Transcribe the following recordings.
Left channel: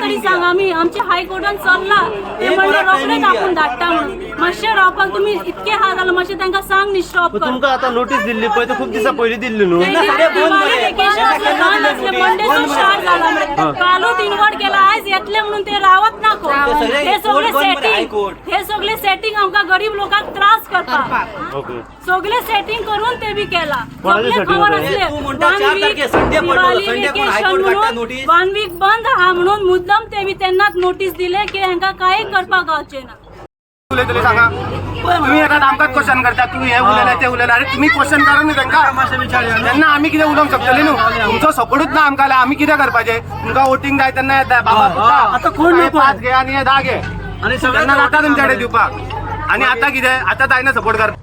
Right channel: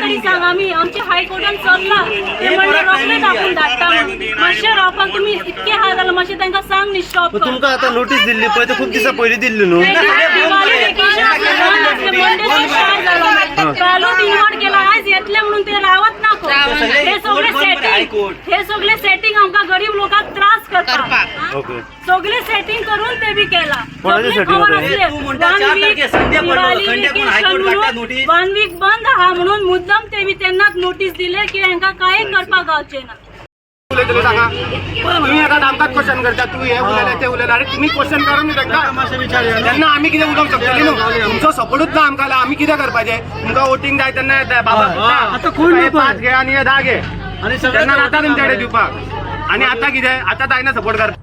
तरी सांग आम्ही आमची हायकोर्टान चल्ला ते म्हणजे रोखडेच आपण धाडटा म्हणून मातशें रावपाक तुम्ही इतके हाल जाले मातशें तांकां सांग न्ही स्टॉप कर तुमकां आतां नोटीस दिल्ली पळय ते खूप दिसा पयलीं दिल्ली न्हू कालूच इन्वॉल्व केला आज येतले म्हणून ते रावत नाको हे सगळे सेटिंग आमकां गरीब लोकांक त्रास करतात सगळे सेटिंग करून ते बी केला सगळे खबर असले 1 वीक बंद हा म्हणून मुद्दम ते बी त्यांनाच नोटीस दिले की हांकां कांय करपाक गावचे ना सांगा तुम्ही आता आमकां क्वेश्चन करता तू हे उलयले ते उलयले अरे तुम्ही क्वेश्चन करा न्ही तेन्ना आमी कितें उलोवंक शकतली न्हू तुमचो सपोर्टूच ना आमकां आमी कितें करपाचें तुमकां वोटींग जाय तेन्ना येता बाबा आतां कोण 5 घे आनी हे 10 घे आनी तेन्ना जाता तुमचे कडेन दिवपाक आनी आतां कितें आतां जायना सपोर्ट करपाक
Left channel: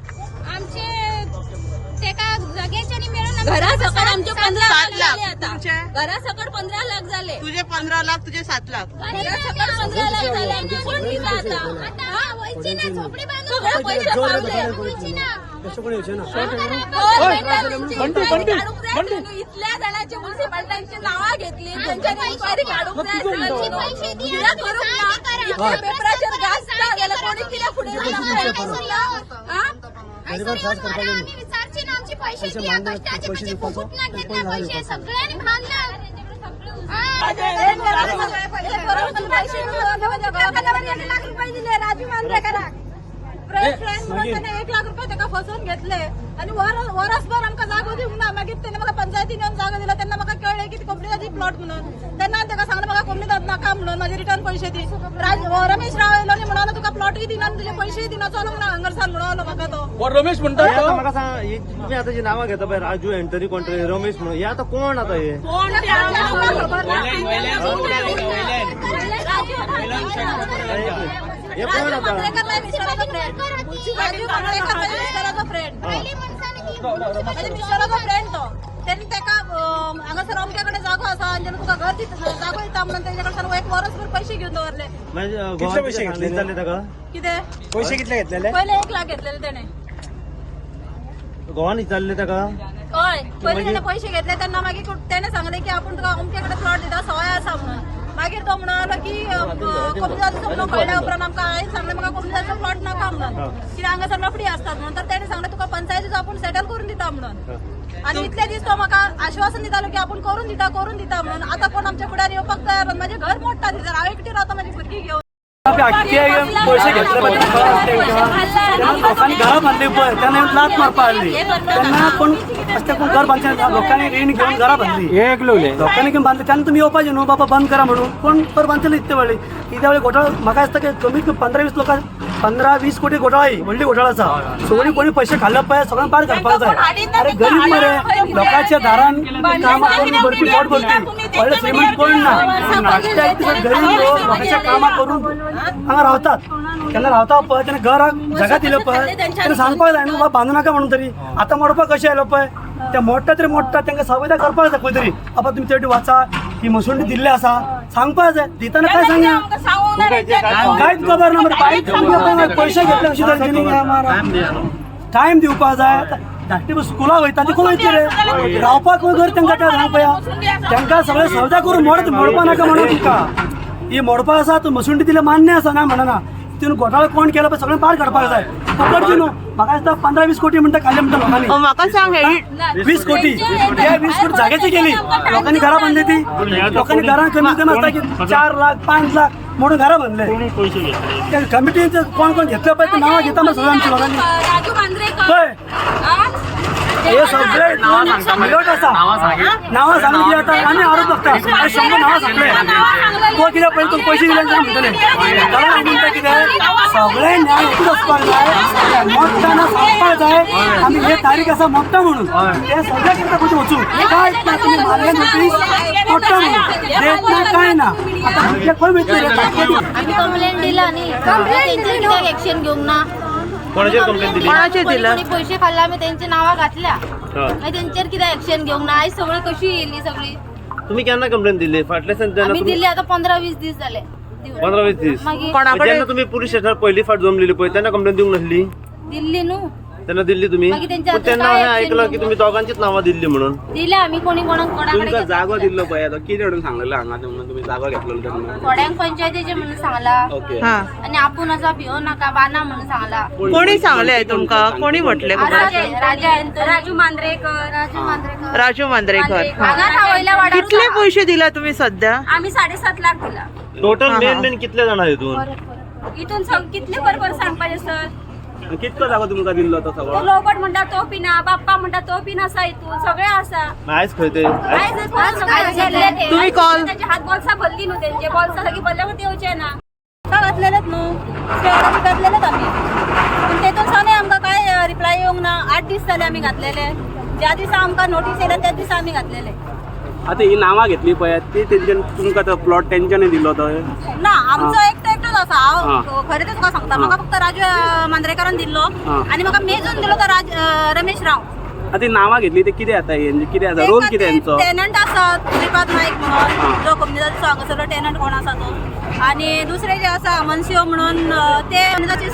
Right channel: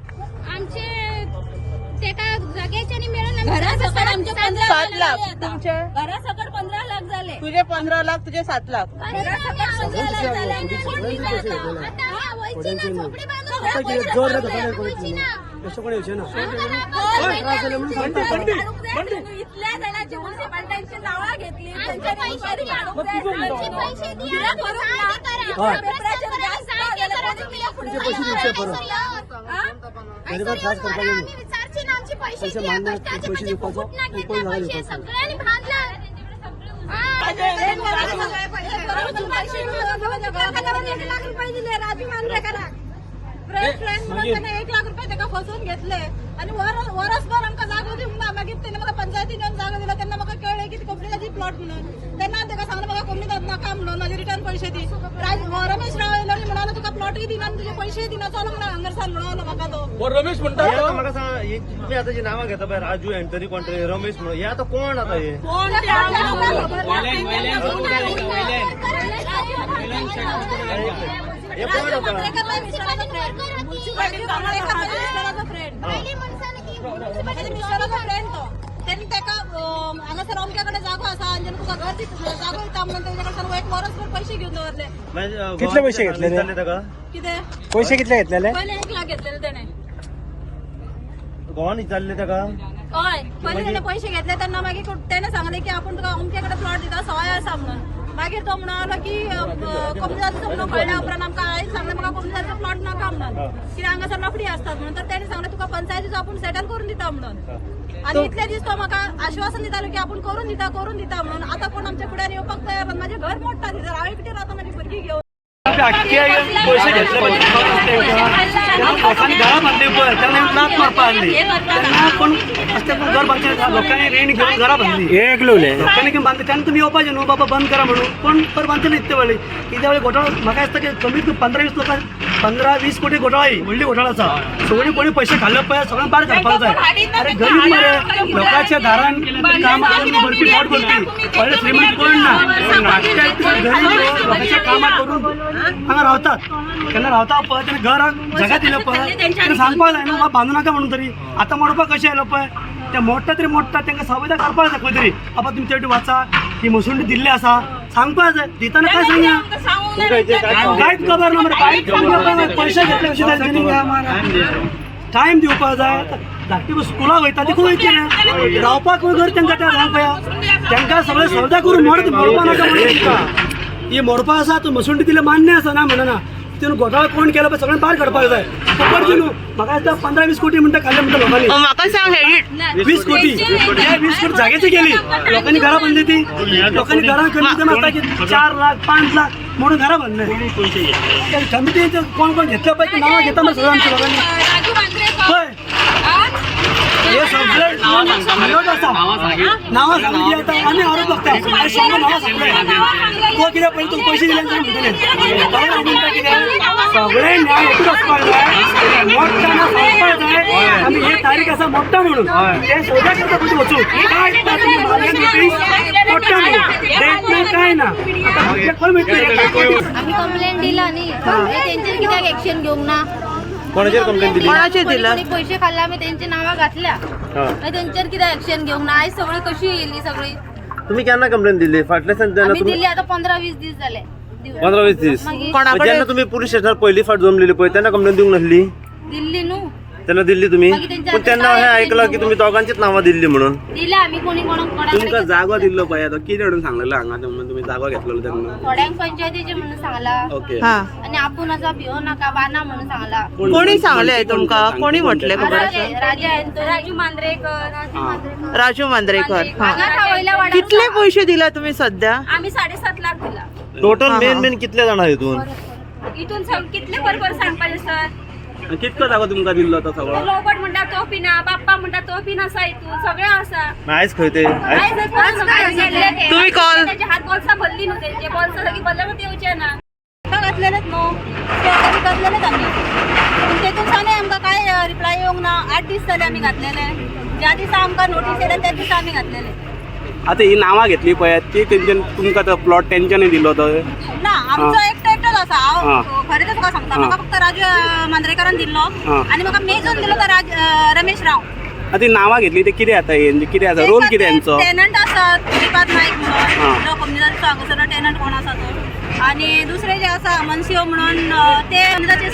घरा सकट आमचे 7 लाख तुमचे घरा सकट 15 लाख झाले तुझे 15 लाख तुझे 7 लाख घरा सकट 15 लाख झाले आणि कोण दिला आता हा वयची ना झोपडी बांधून घरा पैसे वयची ना कसं कोण येचे ना इतल्या जणांची म्युनिसिपालिटीची नावं घेतली त्यांच्या इन्क्वायरी काढून द्यायची पैसे द्या करून ना पेपराचेर गाजता गेले कोणी तिला पुढे आम्ही विचारची ना आमची पैसे द्या कष्टाचे पैसे फुकट ना घेतले पैसे सगळ्यांनी भांडलं म्हणून 1 लाख रुपये त्याला फसवून घेतले आणि वरसभर आमकां जागो दिवंक ना मागीर तेणे म्हाका पंचायतीन येवन जागो दिलो तेन्ना म्हाका कळ्ळें की कोंकणीची प्लॉट म्हणून तेन्ना ताका सांगलें म्हाका कोंकणी नाका म्हणून म्हाजे रिटर्न पैसे दी रमेश राव येयलो आनी म्हणलो तुका प्लॉटूय दिना आनी तुजे पैसेय दिना चलूंक ना हांगरसान म्हणलो म्हाका तो रमेश म्हणटा म्हाका सांग तुमी आतां जी नांवां घेता पळय राजू एंटरी कोण रमेश म्हणून हे आतां कोण आतां हे कोण राजू मांद्रेकर मिस्टराचो फ्रेंड म्हणजे मिस्टराचो फ्रेंड तो त्यांनी त्याका हांगासर अमक्या कडेन जागो आसा आनी तुका घर जागो येता म्हणून तेजे कडच्यान 1 वर्सभर पैसे घेवन दवरले कितले पैसे घेतले ताका कितें पैसे कितले घेतलेले पहिले 1 लाख घेतलेले तेणे गोवान विचारले ताका हय पहिले तेणे पैसे घेतले तेन्ना मागीर तेणे सांगले की आपण तुका अमक्या कडेन प्लॉट दिता सवाय आसा म्हणून मागीर तो म्हणलो की कमी जातीचो म्हणून कळल्या उपरांत आमकां हांवें सांगलें म्हाका कमी जातीचो प्लॉट नाका म्हणून कित्याक हांगासर लफडी आसतात म्हणून तर तेणे सांगलें तुका पंचायतीचो आपूण सेटल करून दिता म्हणून आणि इतले दीस तो म्हाका आश्वासन दितालो की आपूण करून दिता म्हणून आतां कोण आमच्या फुड्यान येवपाक तयार ना म्हाजें घर मोडटा दिसता हांव एकटी रावता म्हाजी भुरगीं घेवन पैसे घेतले लोकांनी घरा बांधली पळय त्यांना लाच मारपा हाडली तेन्ना कोण कोण घर बांदचे लोकांनी रीण घेवन घरा बांधली एक लोकांनी घेवन बांधली तेन्ना तुमी येवपाचें न्हू बाबा बंद करा म्हणून कोण घर बांदचे इतले व्हडली कित्या वेळी घोटाळो म्हाका दिसता की कमीत कमी 15-20 लोकां 15-20 कोटी घोटाळा व्हडली घोटाळा आसा सगळीं कोणी पैसे खाल्ले पळय सगळ्यांक भायर काडपाक जाय अरे गरीब मरे लोकांच्या घरान कामां करून भरपी पोट भरपी व्हडले श्रीमंत कोण ना गरीब लोकांच्या कामां करून हांगा रावतात केन्ना रावता पळय तेणे घर जगा दिलं पळय तेणे सांगपाक जाय न्हू बांदू नाका म्हणून तरी आतां मोडपाक कशें आयलो पळय ते मोडटा तरी मोडटा तांकां सवय करपाक जाय खंय तरी आतां तुमी तेवटी वाचा ही मसुंडी दिल्ली आसा सांगपाक जाय दिताना काय सांगया कांयच खबर ना मरे पैसे घेतले कशें जालें टायम दिवपाक जाय धाकटी स्कुलाक वयता ती खंय वयतली रे रावपाक घर तांकां त्या सांगपया तांकां सगळें सवदा करून मोडपा नाका म्हणून तुका ही मोडपा आसा तूं मसुंडी दिले मान्य आसा ना म्हणना तितून घोटाळो कोण केला पळय सगळें भायर काडपाक जाय पकडची न्हू म्हाका दिसता 15-20 कोटी म्हणटा खाल्ले म्हणटा लोकांनी म्हाका सांग 20 कोटी त्या 20 कोटी जाग्याची गेली लोकांनी घरां बांधली ती लोकांनी घरां कमीत कमी आसता की 4 लाख 5 लाख म्हणून घरां बांधले कमिटीचे कोण कोण घेतले पळय ते नांवां घेता मग सगळ्या आमच्या लोकांनी पळय हे सगळे मिलोट आसा नांवां सांगली की आतां आमी आरोप लागता अरे 100 नांवां सांगले तो कित्याक पयलीं तुका पैसे दिले जाल्यार म्हणटले कारण हांव म्हणटा कितें सगळे न्याय एकूच आसपाक जाय मोडटाना सांगपाक जाय आमी हे तारीख आसा मोडटा म्हणून ते सगळ्या करता कशें वचूं कांयच ना तुमी मारले नोटीस मोडटा म्हणून डेट ना कांय ना आतां भुरगे खंय वयतले आम्ही कंप्लेंट दिला न्ही तेंचेर कित्याक एक्शन घेवंक ना कोणाचे दिला पैसे खाल्ले आम्ही त्यांची नावां घातल्या तेंचेर कित्याक एक्शन घेवंक ना आयज सगळी कशी येयली सगळी तुम्ही केन्ना कंप्लेंट दिली फाटल्या आम्ही दिल्ली आता 15-20 दीस झाले 15-20 दीस कोणाकडे तुम्ही पोलीस स्टेशनार पहिली फाट जमलेली पळय तेन्ना कंप्लेंट दिवंक नासली दिल्ली न्हू त्यांना दिली तुम्ही बाकी त्यांच्या पण त्यांना हातात हे काय ऐकलं की तुम्ही दोघांचीच नावं दिली म्हणून दिलं आम्ही कोणी कोणाकडे तुमका जागा दिलं पाहिजे आता किती म्हणून सांगलेलं हांगा तुम्ही जागा घेतलेलं त्यांना थोड्यांक पंचायतीचे म्हणून सांगला ओके हा आणि आपण असं भिवू नका बाना म्हणून सांगला कोणी सांगले तुमका कोणी म्हटले खबर आता ते राजा राजू मांद्रेकर राजू मांद्रेकर हा हा वयल्या वाडा कितले पैसे दिला तुम्ही सध्या आम्ही 7.5 लाख दिला टोटल हा, मेन हा. मेन कितले जाणार इथून इथून कितले बरोबर सांग पाहिजे सर कितकं जागा तुमका दिलं होतं तो सगळं लोकट म्हणता तो पिना बाप्पा म्हणता तो पिना असा इथून सगळे असा आयच खंय तुम्ही call- त्याचे हात बॉल्सा भरली नव्हते त्यांचे बॉल्सा सगळी भरल्यावर येऊचे ना का घातलेलेत न्हू ते घातलेलेत आम्ही पण तेतून सांगे आमकां काय रिप्लाय येवंक ना 8 दीस जाले आम्ही घातलेले ज्या दिसा आमकां नोटीस येयल्या त्या दिसा आम्ही घातलेले आता ही नावां घेतली पळय ती तेंच्यान तुमका तो प्लॉट तेंच्यानी दिलो होतो ना आमचो एकटोच असा हांव हा. खरें ते तुका सांगता म्हाका फक्त राजू मांद्रेकरान दिल्लो हा. आनी म्हाका मेजून दिलो तो रमेश राव आता ही नावां घेतली ते कितें आता म्हणजे कितें आसा रोल कितें यांचो टेनंट आसत श्रीपाद नाईक हा. म्हणून जो कम्युनिटीचो हांगासर टेनंट कोण आसा तो आणि दुसरे जे आसा मनसिओ म्हणून ते कम्युनिटीचे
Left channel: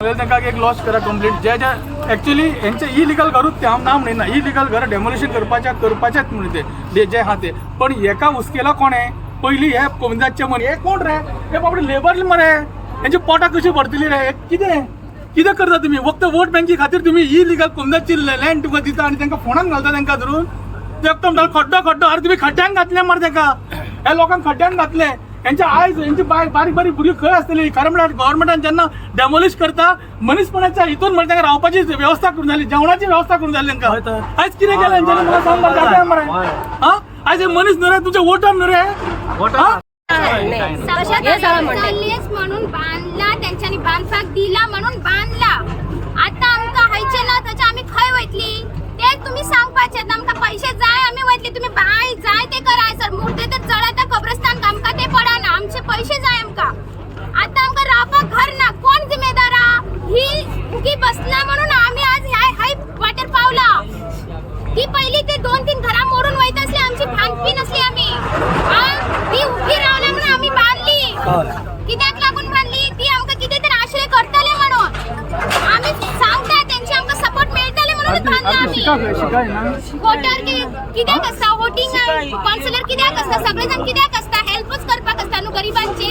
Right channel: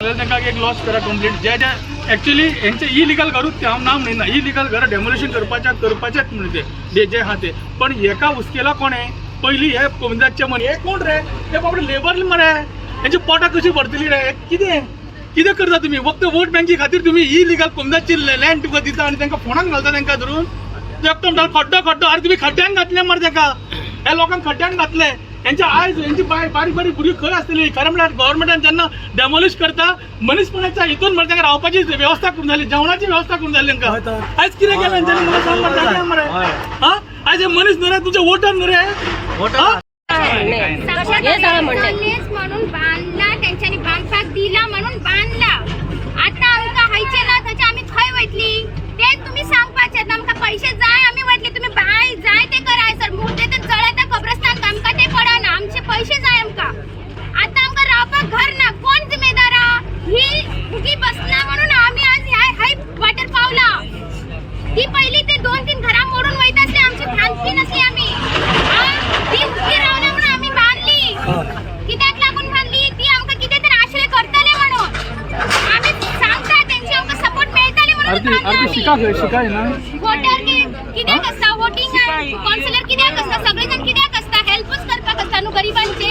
तांकां एक लॉस करा कंप्लीट जे जे एक्चुअली हेंचे इलिगल घरूच ते हांव ना म्हणिना इलिगल घर डेमोलिशन करपाचेच म्हणून ते जे आहा ते पण हेका हुसकेला कोणे पयलीं हे कोमदाचे म्हण हे कोण रे हे बाबडे लेबर मरे हेंची पोटां कशी भरतली रे कितें करता तुम्ही फक्त वोट बँकी खातीर तुम्ही इलिगल कोमदाची लँड तुका दिता आनी तांकां फोणान घालता तांकां धरून एकदम खड्डो अरे तुम्ही खड्ड्यान घातले मरे ताका ह्या लोकांक खड्ड्यान घातले यांच्या आयज यांची बारीक बारीक भुरगीं खंय आसतली खरें म्हळ्यार गव्हर्मेंटान जेन्ना डेमोलिश करता मनीसपणाच्या हितून म्हणजे तांकां रावपाची वेवस्था करून जाली जेवणाची वेवस्था करून जाली तांकां आयज कितें केलें हेंच्यांनी म्हाका सांग मरे दाखया मरे हा आयज हे मनीस न्हू रे तुजे वोटर न्हू रे हा? म्हणून बांधला त्यांच्यानी बांधपाक दिला म्हणून बांधला आता आमका हायचे ना त्याच्या आम्ही खंय वयतली ते तुम्ही सांगपाचे आमका पैसे जाय आम्ही वयतली तुम्ही बाय जाय ते कराय सर मुर्दे ते जळता कब्रस्तान आमका ते पडाना आमचे पैसे जाय आमका आता आमका रावपाक घर ना कोण जिम्मेदार ही उगी बसला म्हणून आम्ही आज हाय वाटर पावला ती पहिली ते 2-3 घरा मोडून वयत असले आमची भानपी नसली आम्ही ती उभी रावल्या म्हणून आम्ही बांधली कित्याक लागून बांधली ती आमका किती तर आश्रय करतले म्हणून आम्ही सांगता त्यांची आमका सपोर्ट मिळतले म्हणून बांधला शिकाय ना वोटर कित्याक असता वोटिंग काउन्सिलर कित्याक असता सगळेजण कित्याक असता हेल्पच करपाक असता न्हू गरिबांचे